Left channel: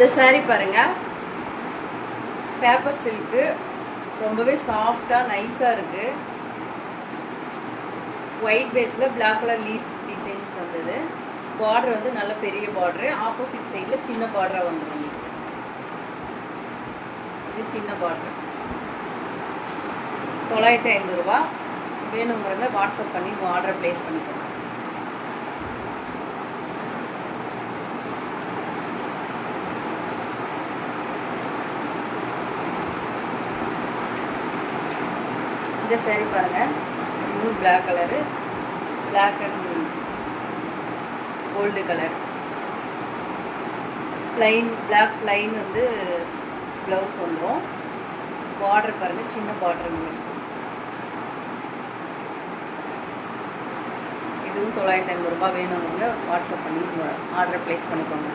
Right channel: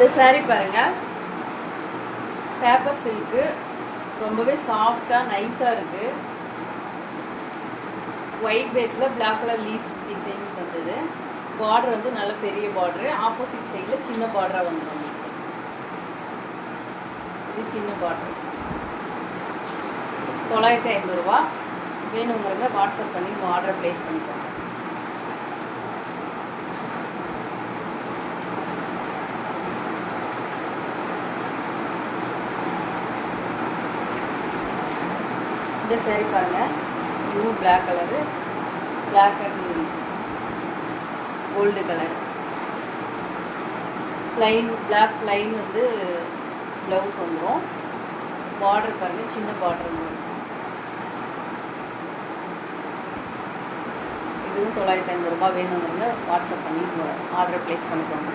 இந்த saree பாருங்க, paper silk, ரொம்பவே சாஃப்டாக நைஸாக இருக்குது. ஒயிட் பேஸில் பிளாக் கலர் லீஃப் டிசைன்ஸ் வந்தது. பார்டர் வந்து நல்ல பெரிய பார்டரு, ஆப்போசிட் சைடில் சின்ன பார்டராக வந்துடும். இது சின்ன பார்டரு. 950 ரூபா. வேணுங்கிறவங்க வாட்ஸ்அப் பண்ணி ஆர்டரை ப்ளேஸ் பண்ணிக்கோங்க. இந்த saree பாருங்கள், இதுவும் black colour, black and gold colour. Plain black plain வந்து ப்ளவுஸ் வந்துடும். பார்டர் பாருங்கள், சின்ன பார்டர். இதுவும் 950 ரூபா. வேணுங்கிறவங்க வாட்ஸ்அப் பண்ணி ஆர்டர் ப்ளேஸ் பண்ணிக்கோங்க.